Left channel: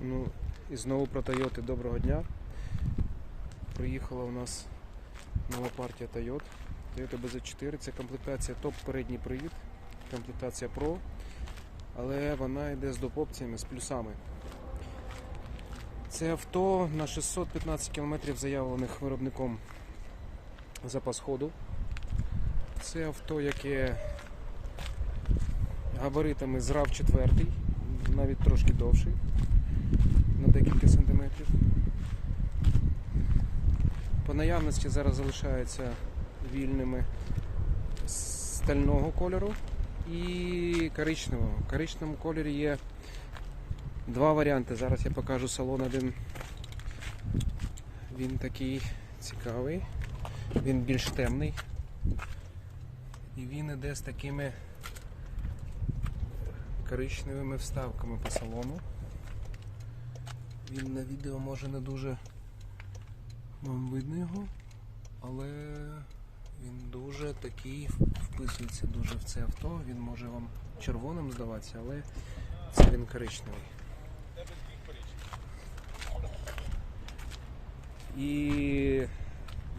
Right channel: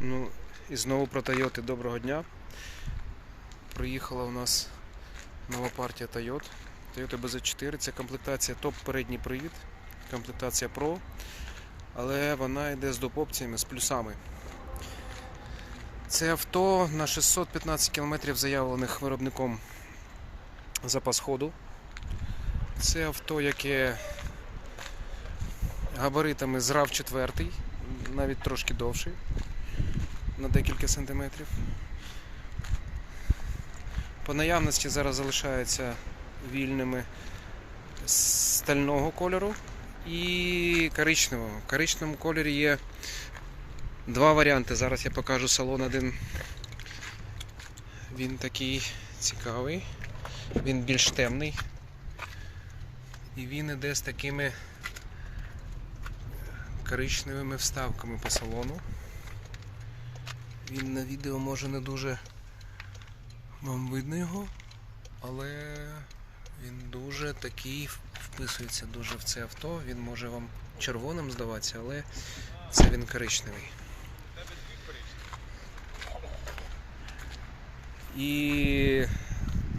Ну, і знову про Toyota. Доброго дня. Приїхала у нас нова партія Toyota. Toyota BZ4 це комплектація топ передній привід, комплектація Pro, але вона йде з допопціями, з плюсами. Це авто на 615 км заявлених виробником запас ходу. Це авто, яке габаритами з RAV 4, навіть трошки довший, на декілька сантиметрів. По наявності зараз залишаються вільними стального кольору і коричневого. В коричневому кольорі є два варіанти. Зараз я покажу салон один. Він такий цікавий, він більш темний. І він іде з такими коричневими вставками по салону. Він на відео може не дуже вам видно його, але він дуже такий вписується дуже в це авто. Він може вам червоним здаватися, але це він коричневий. І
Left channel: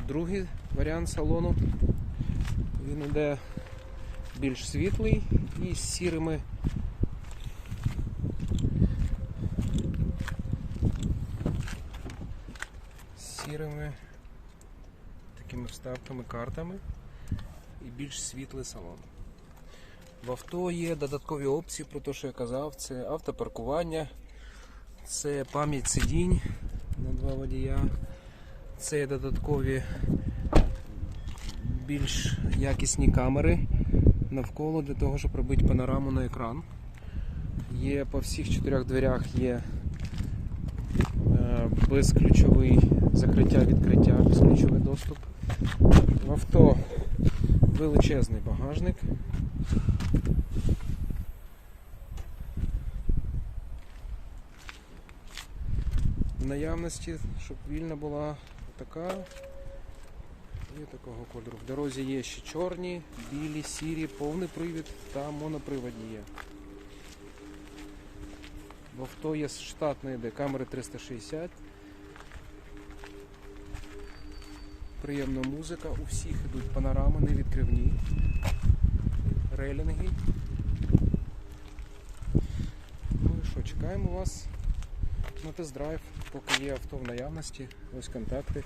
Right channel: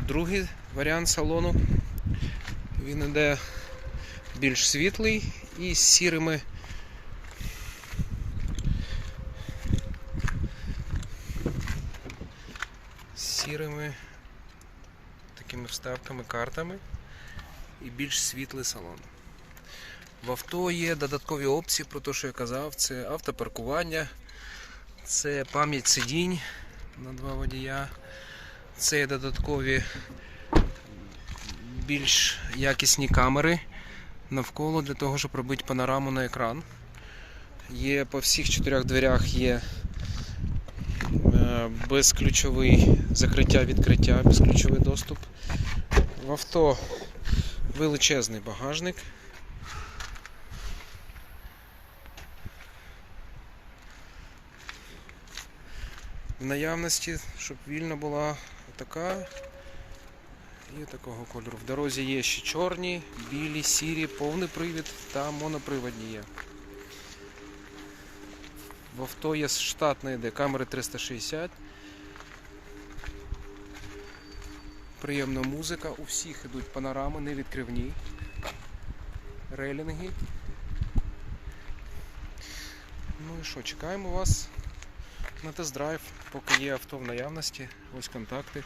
другий варіант салону. Він іде більш світлий і з сірими сірими такими вставками, картами і більш світлий салон. В авто є додаткові опції про те, що я казав, це автопаркування, це пам'ять сидінь на два водія, це додаткові більш якісні камери навколо для того, щоб робити панораму на екран. Є по всіх чотирьох дверях є безключовий закриття, відкриття, безключовий доступ. В авто величезний багажник. В наявності, щоб вільна була така Є такого кольору. В дорозі є ще чорні, білі, сірі, повний привід та моноприводні є. В авто є штатна йде камери 360. Приємна музика. У всіх йдуть панорами, не відкривні. Рейлінги. Ну і що, чекаємо вас на тест-драйв, поки є авто в наявності. Ось контакти.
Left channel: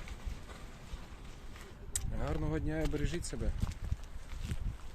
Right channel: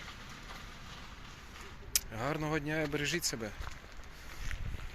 Гарного дня і бережіть себе.